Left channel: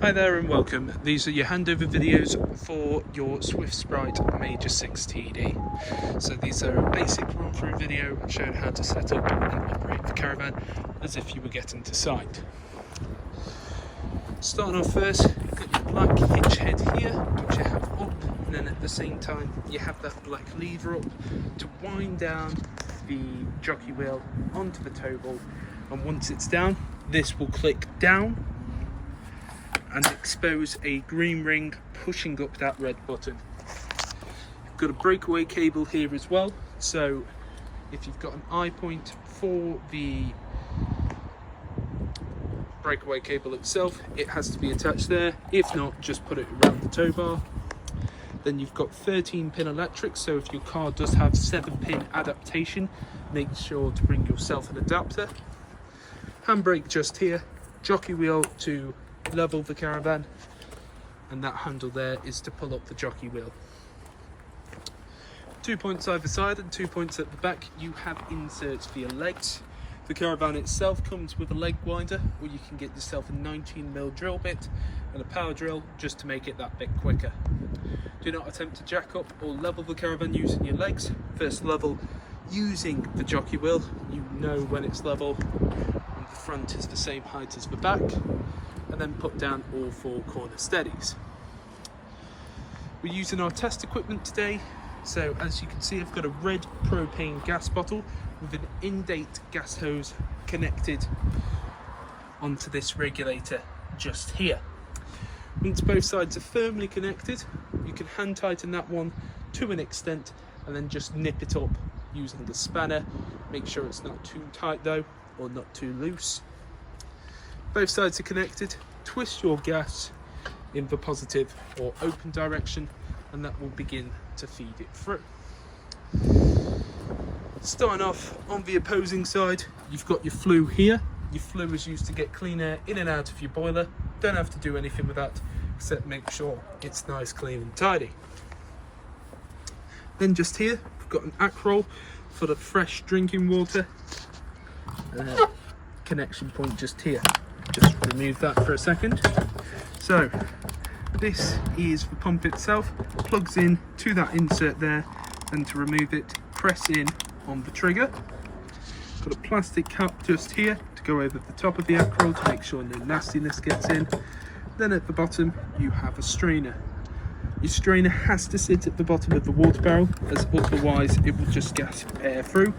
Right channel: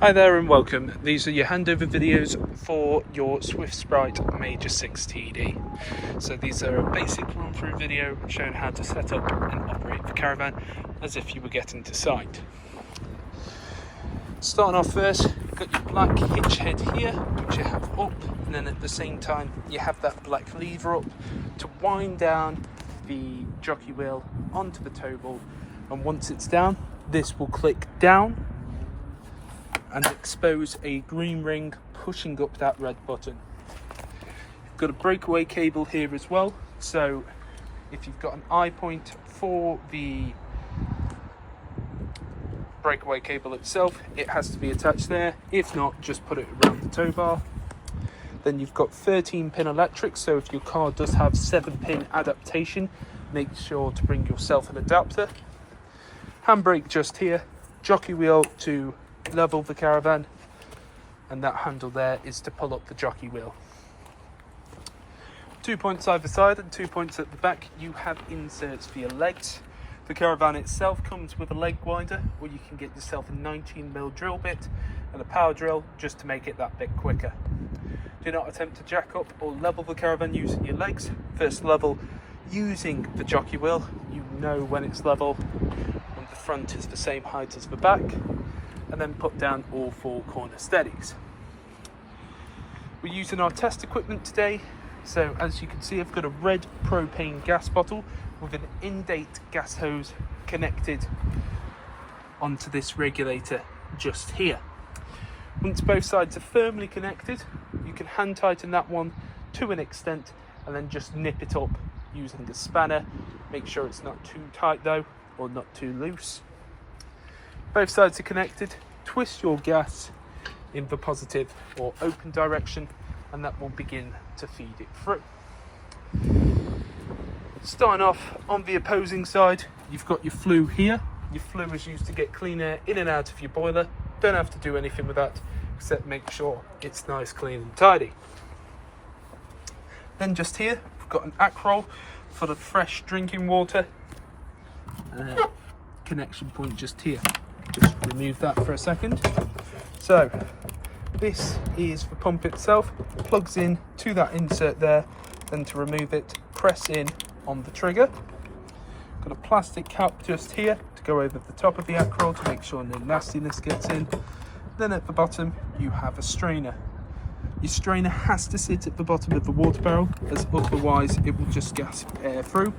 Hi there and welcome. These are your handover videos for your Swift Sprite Major 6 TD. So these are a basic run through video showing how to set up and operate the caravan as if you were getting to site. Starting off first, you've got your black hitch head here, which you have up, and then at the same time you have that black lever up to wind down the jockey wheel onto the tow ball, and once it's down, this will click down and expose a green ring pushing up that red button. You've got a breakaway cable here as well, so if you've got an eye point for the breakaway cable itself, it has to be attached there. If not, just put it around the tow bar. Then you've got 13-pin electric, so if your car does have 7-pin adaptation, make sure to bring yourself an adapter. Handbrake just here, jockey wheel to level the caravan, and that handle there is to pull up the jockey wheel. 2 points either side and 2 points at the back. You have inserts for your legs. The caravan itself comes with a leg winder, or you can get yourself a 19mm drill bit and a power drill just to make it that bit quicker. Do not attempt to jack up or level the caravan using your legs. First level using the jockey wheel. You know when it's level, when the front is the same height as the back, and then put down all 4 corner steadies. We're using our test equipment today, so as you can see, I've got a red propane gas bottle with an in-date gas hose connected onto this regulator just here. Once both sides are firmly connected, you can hand tighten that one to an extent and then just nip it up using the spanner. Make sure it's not too tight though, or not too loose. Both sides are connected. Twist your gas in the positive or open direction, and that will begin to feed it through. Starting off on the opposing side, you've got your flue here. Your flue is used to get clean air in and out of your boiler. Don't have to do anything with that except make sure it's nice, clean and tidy. Then just here, we've got an Akrol for the fresh drinking water. Connection point just here. Just remove that for a second. So this is the pump itself, plugs in to that insert there. Then to remove it, press in on the trigger. Got a plastic cap just here to go over the top of the Akrol to make sure no nastiness gets in. Then at the bottom you have a strainer. Your strainer has to sit at the bottom of the water barrel, as otherwise it will just gas air through.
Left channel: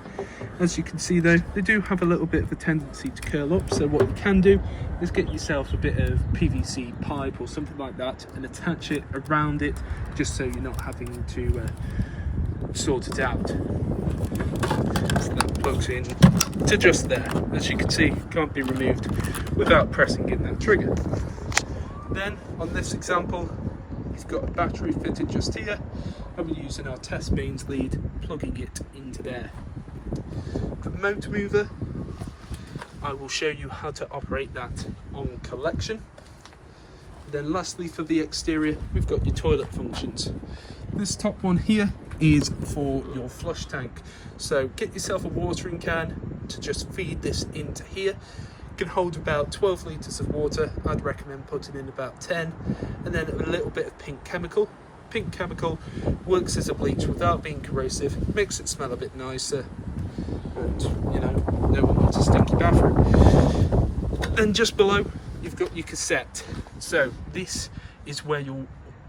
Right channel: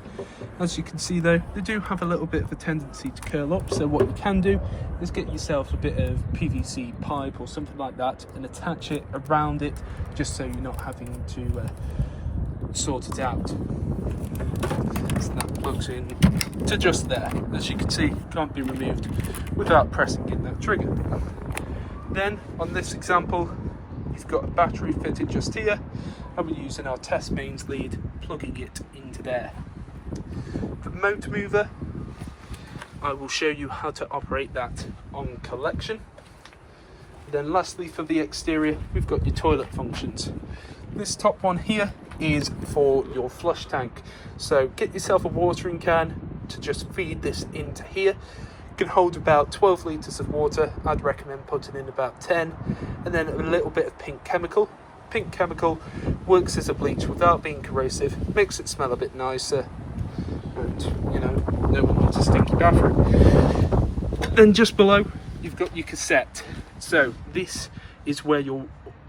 As you can see though, they do have a little bit of a tendency to curl up, so what you can do is get yourself a bit of PVC pipe or something like that and attach it around it, just so you're not having to sort it out. So that plugs in to just there. As you can see, can't be removed without pressing in that trigger. Then on this example, we've got a battery fitted just here, and we're using our test mains lead, plugging it into there. For the motor mover, I will show you how to operate that on collection. Then lastly, for the exterior, we've got your toilet functions. This top one here is for your flush tank. So get yourself a watering can to just feed this into here. Can hold about 12 litres of water. I'd recommend putting in about 10, and then a little bit of pink chemical. Pink chemical works as a bleach without being corrosive, makes it smell a bit nicer, and you know, no one wants a stinky bathroom. Then just below you've got your cassette, so this is where your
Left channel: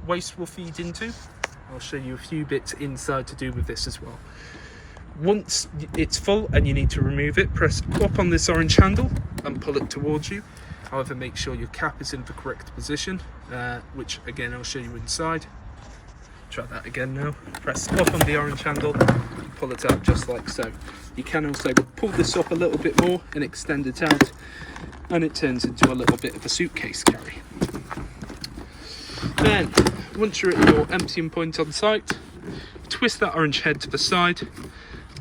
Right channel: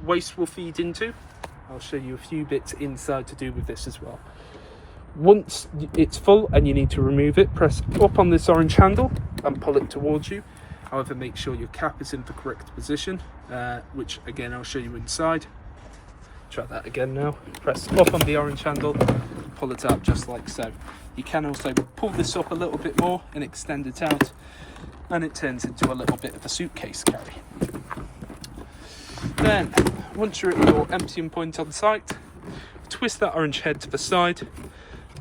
waste will feed into. I'll show you a few bits inside to do with this as well. Once it's full and you need to remove it, press up on this orange handle and pull it towards you. However, make sure your cap is in the correct position, which again I'll show you inside. Try that again now. Press up on the orange handle and pull it out just like so. You can also pull this up a little bit more and extend it out, and it turns into a little bit of a suitcase carry. Then once you're at your emptying point on site, twist that orange head to the side,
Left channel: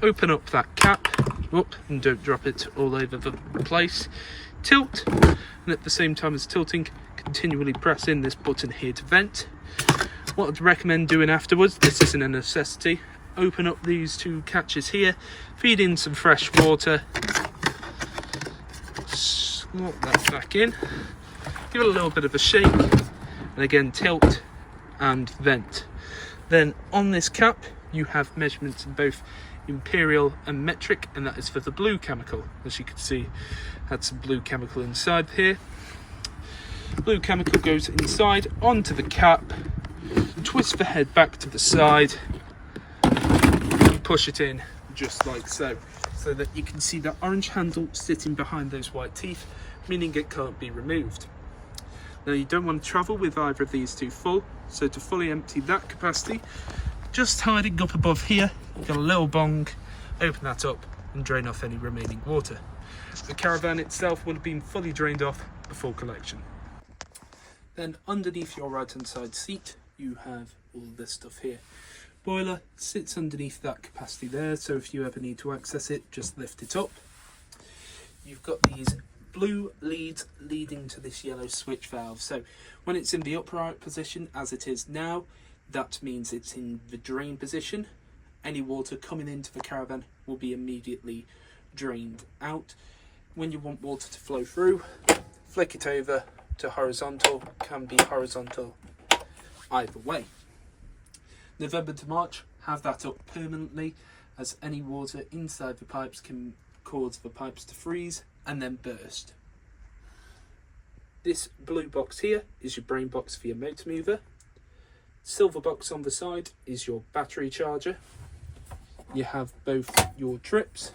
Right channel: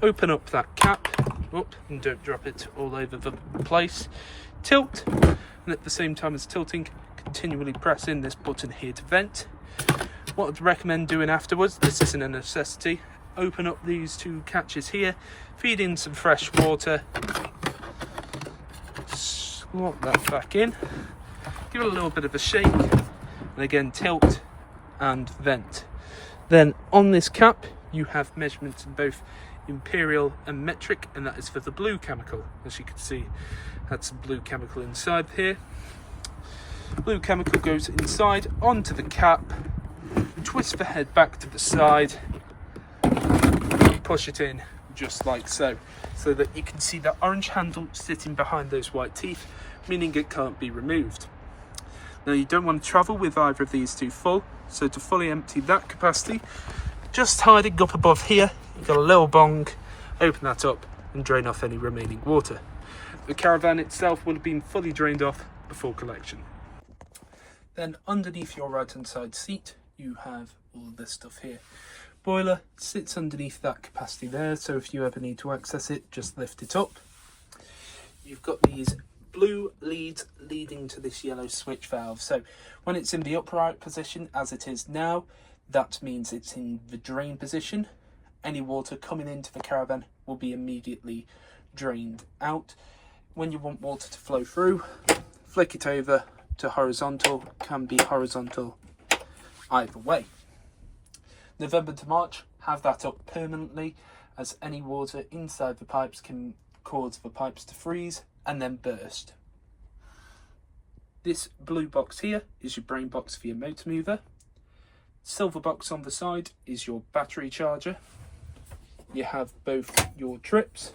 open up that cap, and don't drop it all over the place. Tilt, and at the same time as tilting, continually press in this button here to vent. What I'd recommend doing afterwards, this isn't a necessity, open up these 2 catches here, feed in some fresh water, slot that back in, give it a little bit of a shake, and again tilt and vent. Then on this cap you have measurements in both imperial and metric, and that is for the blue chemical. As you can see, had some blue chemical inside here. Blue chemical goes inside onto the cap, twist the head back to the side, push it in just like so, so that you can see the orange handle sitting behind those white teeth, meaning it can't be removed. Now you don't want to travel with either of these two full, so to fully empty that capacity, just hiding up above here, you've got a little bong, open that up and drain off any remaining water. The Caravan itself will have been fully drained off before collection. Then underneath your right hand side seat you have all this stuff here. Boiler sits underneath that capacity there, so if you ever need to access it, just lift it up. You've got these blue leads leading to this yellow switch valve, so when it's in the upright position as it is now, that means it's in the drain position. Any water coming into the Caravan will be immediately drained out. When you want water to flow through, flick it over to horizontal, can be horizontal either way. November to March, have that up permanently, as any water inside the pipes can cause the pipes to freeze and then burst. This blue box here is your brain box for your motor mover. Silver box on the side is your battery charger. You have both your trips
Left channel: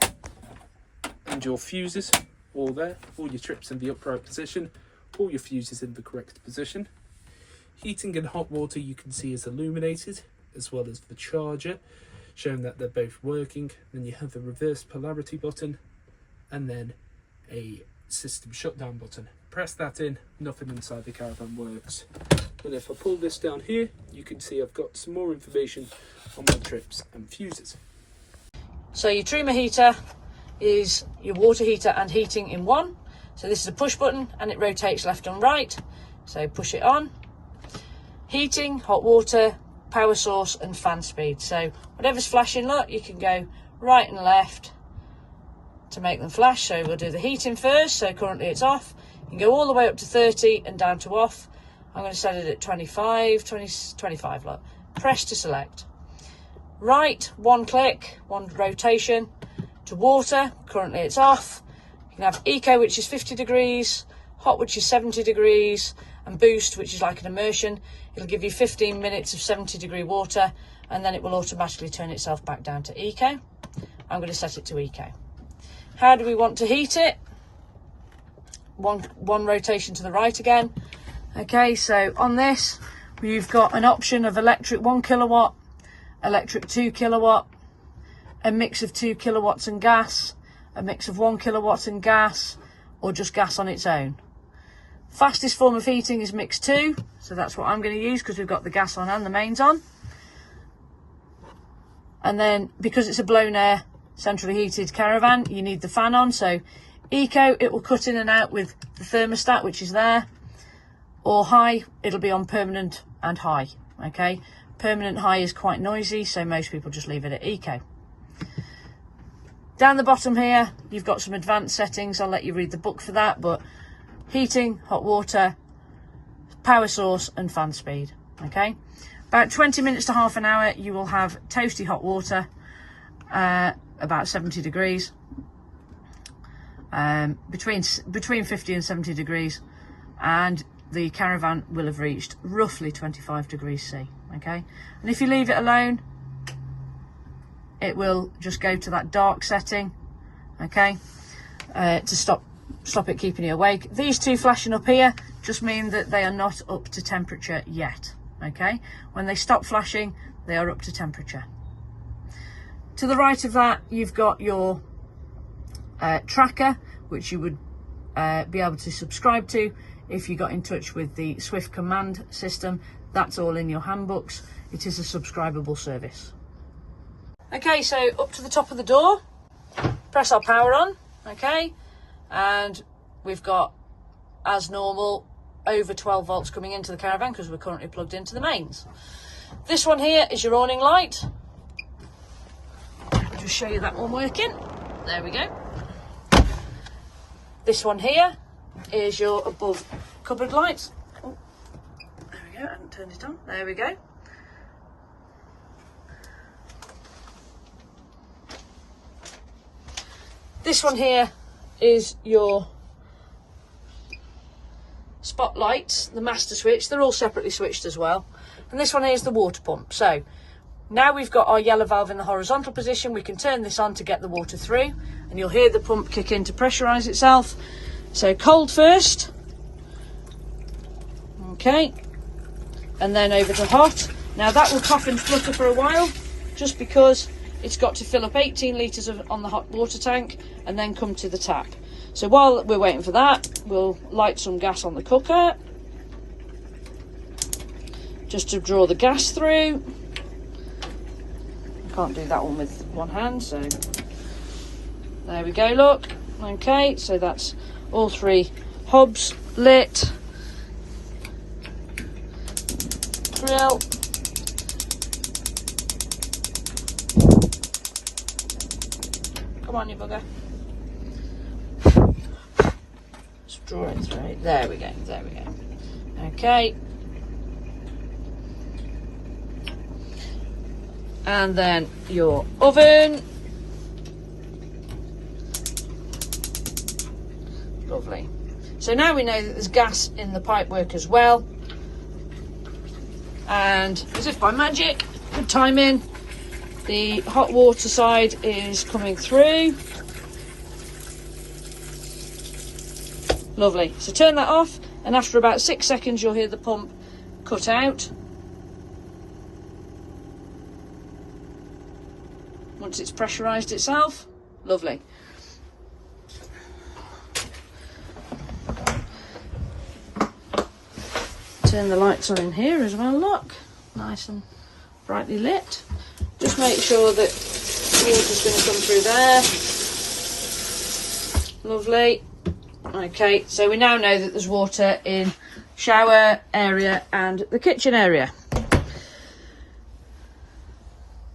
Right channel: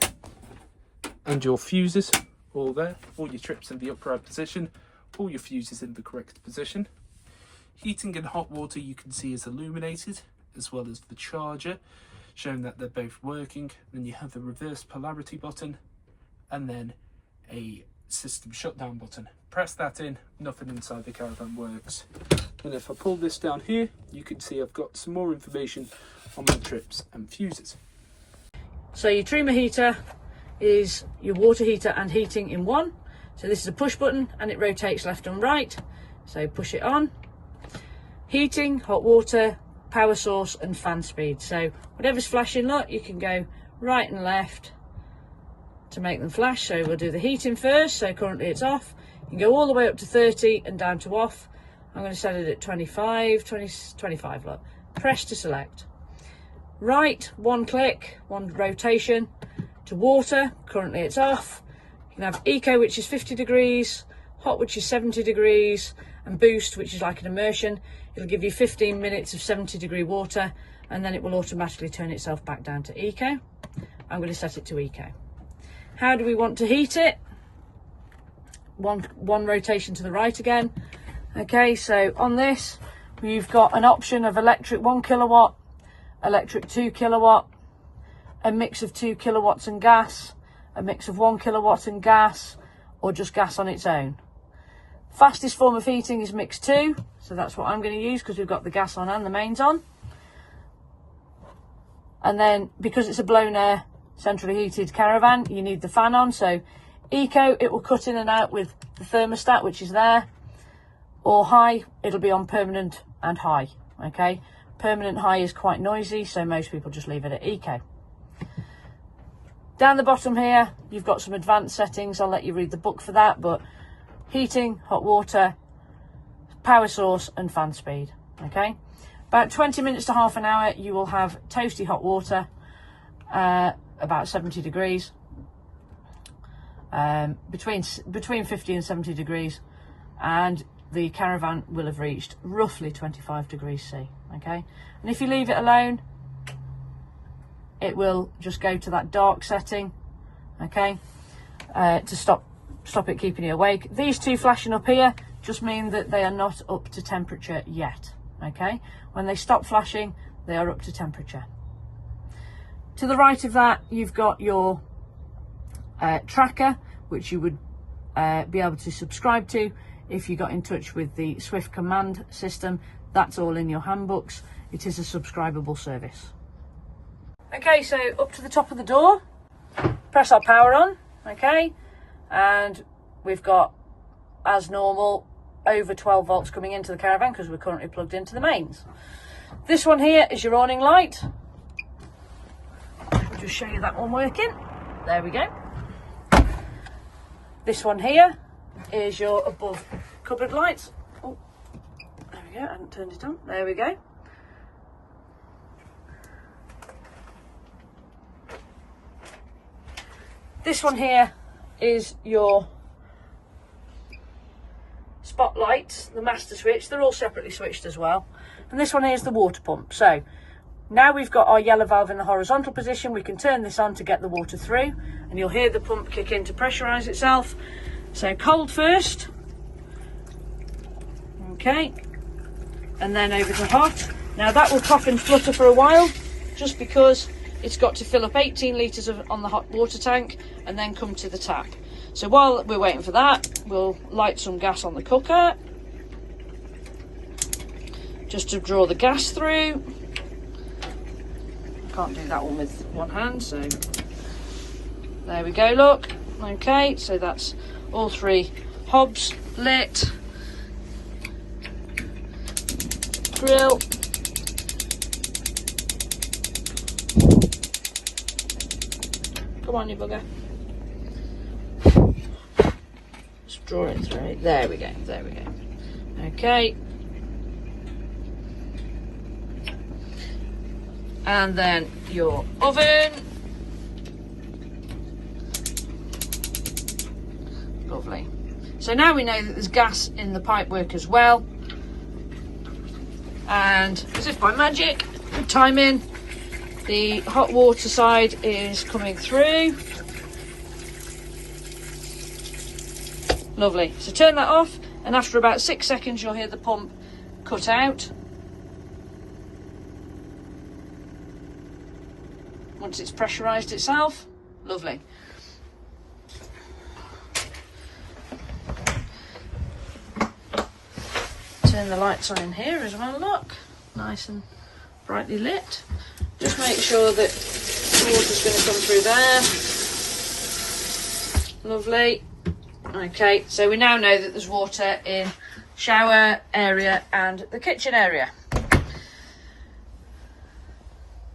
and your fuses all there, all your trips in the upright position, all your fuses in the correct position. Heating and hot water you can see is illuminated, as well as the charger, showing that they're both working. Then you have the reverse polarity button and then a system shutdown button. Press that in, nothing inside the Caravan works. And if I pull this down here, you can see I've got some more information on my trips and fuses. So your Truma heater is your water heater and heating in one. So this is a push button and it rotates left and right. So push it on. Heating, hot water, power source and fan speed. So whatever's flashing, look, you can go right and left to make them flash. So we'll do the heating first. So currently it's off. You can go all the way up to 30 and down to off. I'm going to set it at 25, look. Press to select. Right, one click, one rotation to water. Currently it's off. You can have eco, which is 50 degrees, hot, which is 70 degrees, and boost, which is like an immersion. It'll give you 15 minutes of 70-degree water, and then it will automatically turn itself back down to eco. I'm going to set it to eco. How do we want to heat it? One rotation to the right again. Okay, so on this, you've got an option of electric 1 kilowatt, electric 2 kilowatt, a mix of 2 kilowatts and gas, a mix of 1 kilowatt and gas, or just gas on its own. Fastest form of heating is mix 2, so that's what I'm going to use because we've got the gas on and the mains on. And then because it's a blown air centrally heated Caravan, you need the fan on. So eco, it will cut in and out with the thermostat, which is there, or high, it'll be on permanent and high. Okay, permanent high is quite noisy, so most people just leave it at eco. Down the bottom here, you've got some advanced settings. I'll let you read the book for that, but heating, hot water, power source and fan speed. Okay, about 20 minutes to half an hour, you will have toasty hot water, about 70 degrees, between 50 and 70 degrees, and the Caravan will have reached roughly 25 degrees C. Okay, and if you leave it alone, it will just go to that dark setting. Okay, to stop it keeping you awake. These two flashing up here just mean that they are not up to temperature yet. Okay, when they stop flashing, they are up to temperature. To the right of that, you've got your tracker, which you would be able to subscribe to if you got in touch with the Swift command system. That's all in your handbooks. It is a subscribable service. Okay, so up to the top of the door, press our power on. Okay, and we've got, as normal, over 12 volts coming into the Caravan because we're currently plugged into the mains. This one here is your awning light. I'll just show you that one working. There we go. This one here is your above cupboard lights. Oh, there we go, I haven't turned it on. There we go. This one here is your spotlights, the master switch. They're all separately switched as well. And this one here is the water pump. So now we've got our yellow valve in the horizontal position, we can turn this on to get the water through, and you'll hear the pump kick in to pressurise itself. So cold first, okay, and then over to hot. Now that will cough and flutter for a while, just because it's got to fill up 18 litres on the hot water tank and then come to the tap. So while we're waiting for that, we'll light some gas on the cooker, just to draw the gas through. Can't do that one with one hand, so there we go, look. Okay, so that's all 3 hobs lit. Grill. Come on, you bugger. Just draw it through. There we go, there we go. Okay. And then your oven. Lovely. So now we know that there's gas in the pipework as well. And as if by magic, good timing, the hot water side is coming through. Lovely. So turn that off, and after about 6 seconds you'll hear the pump cut out. Once it's pressurised itself. Lovely. Turn the lights on here as well, look. Nice and brightly lit. Just make sure that water's going to come through there. Lovely. Okay, so we now know that there's water in shower area and the kitchen area.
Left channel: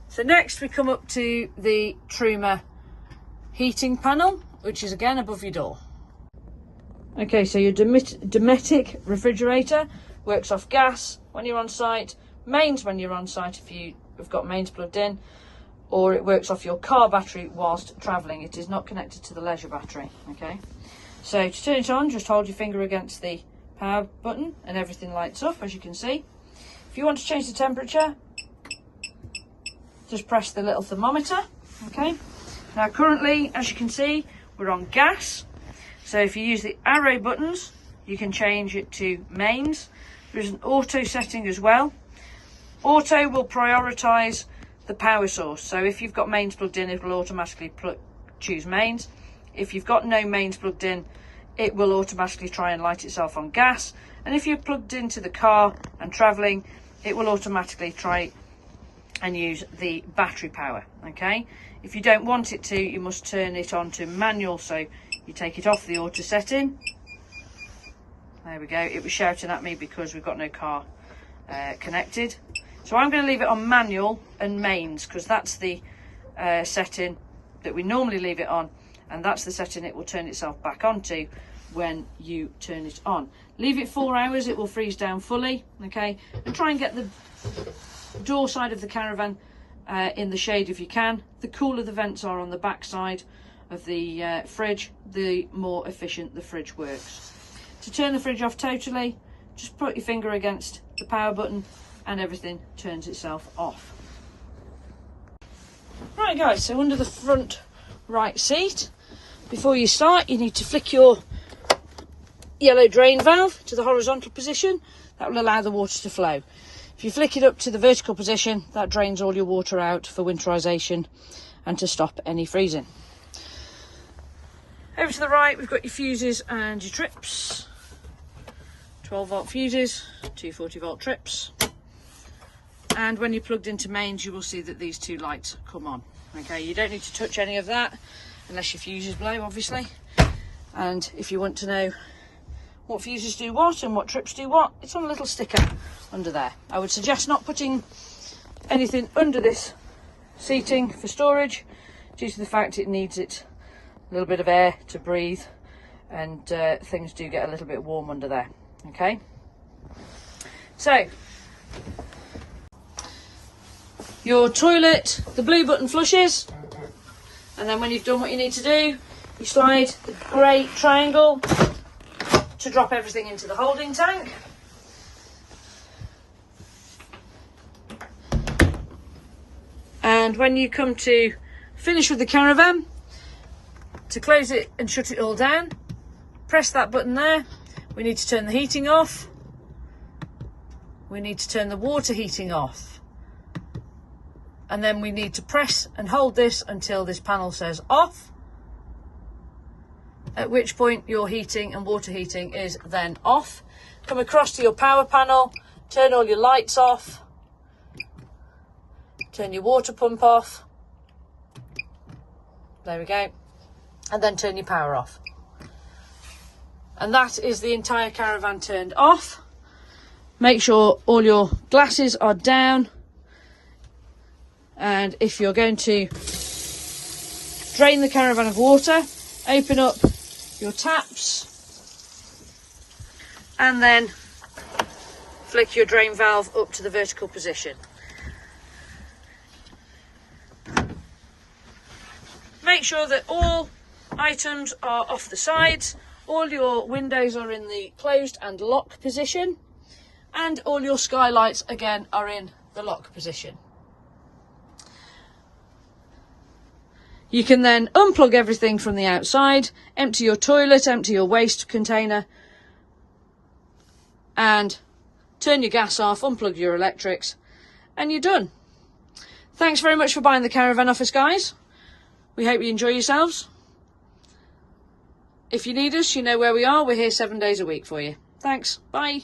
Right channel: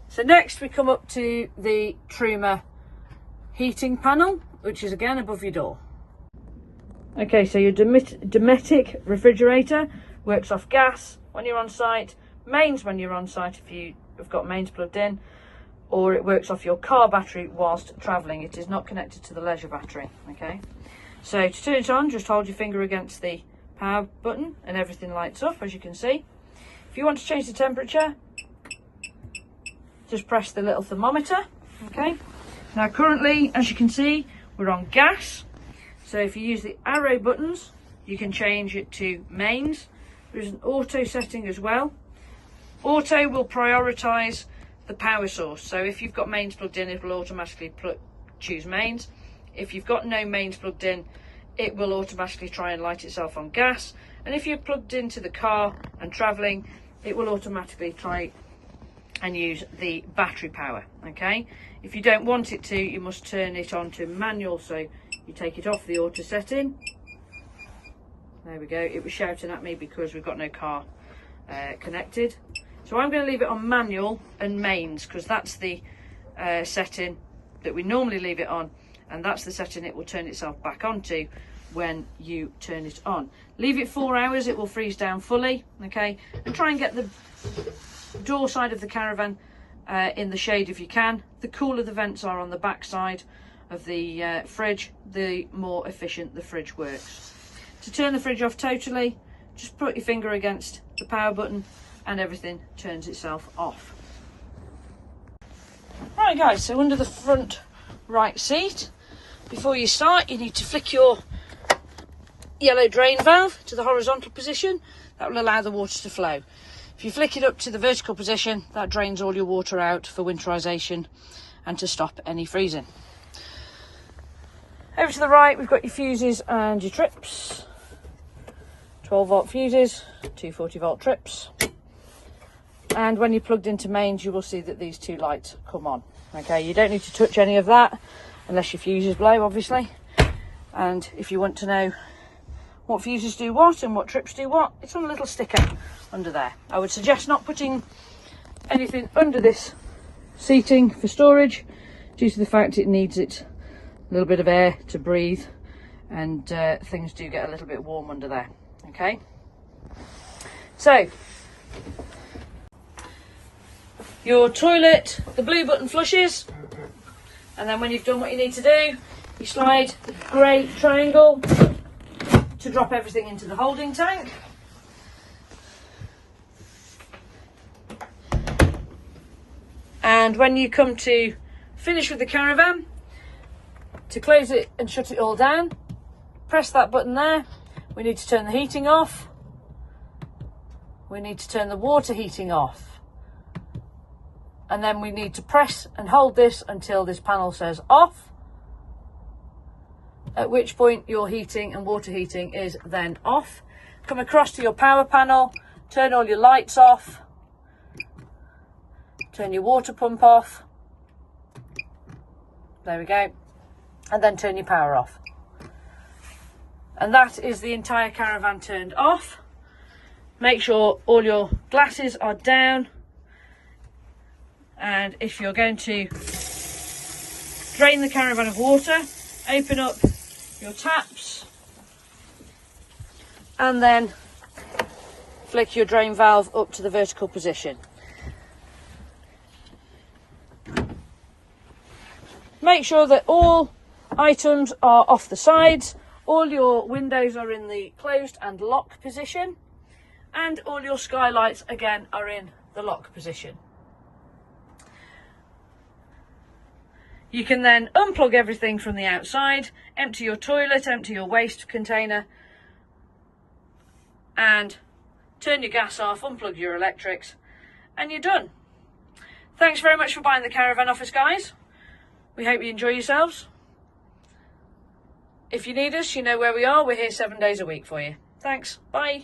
So next we come up to the Truma heating panel, which is again above your door. Okay, so your Dometic refrigerator works off gas when you're on site, mains when you're on site if you have got mains plugged in, or it works off your car battery whilst travelling. It is not connected to the leisure battery, okay? So to turn it on, just hold your finger against the power button and everything lights up, as you can see. If you want to change the temperature, just press the little thermometer, okay? Now currently, as you can see, we're on gas. So if you use the arrow buttons, you can change it to mains. There's an auto setting as well. Auto will prioritise the power source. So if you've got mains plugged in, it will automatically choose mains. If you've got no mains plugged in, it will automatically try and light itself on gas. And if you're plugged into the car and travelling, it will automatically try and use the battery power, okay? If you don't want it to, you must turn it on to manual, so you take it off the auto setting. There we go. It was shouting at me because we've got no car connected. So I'm going to leave it on manual and mains, because that's the setting that we normally leave it on, and that's the setting it will turn itself back onto when you turn it on. Leave it 4 hours, it will freeze down fully, okay? And try and get the door side of the caravan in the shade if you can. The cooler the vents are on the back side of the fridge, the more efficient the fridge works. To turn the fridge off totally, just put your finger against the power button and everything turns itself off. Right guys, so under the front right seat, before you start, you need to flick your yellow drain valve to the horizontal position. That will allow the water to flow. If you flick it up to the vertical position, that drains all your water out for winterisation and to stop any freezing. Over to the right, we've got your fuses and your trips. 12-volt fuses, 240-volt trips. And when you're plugged into mains, you will see that these 2 lights come on. Okay, you don't need to touch any of that unless your fuses blow, obviously. And if you want to know what fuses do what and what trips do what, it's on a little sticker under there. I would suggest not putting anything under this seating for storage, due to the fact it needs a little bit of air to breathe, and things do get a little bit warm under there. Okay, so your toilet, the blue button flushes, and then when you've done what you need to do, you slide the grey triangle to drop everything into the holding tank. And when you come to finish with the caravan, to close it and shut it all down, press that button there. We need to turn the heating off. We need to turn the water heating off. And then we need to press and hold this until this panel says off, at which point your heating and water heating is then off. Come across to your power panel, turn all your lights off, turn your water pump off, there we go, and then turn your power off. And that is the entire caravan turned off. Make sure all your glasses are down, and if you're going to drain the caravan of water, open up your taps and then flick your drain valve up to the vertical position. Make sure that all items are off the sides, all your windows are in the closed and lock position, and all your skylights again are in the lock position. You can then unplug everything from the outside, empty your toilet, empty your waste container, and turn your gas off, unplug your electrics, and you're done. Thanks very much for buying the caravan off us, guys. We hope you enjoy yourselves. If you need us, you know where we are. We're here 7 days a week for you. Thanks. Bye.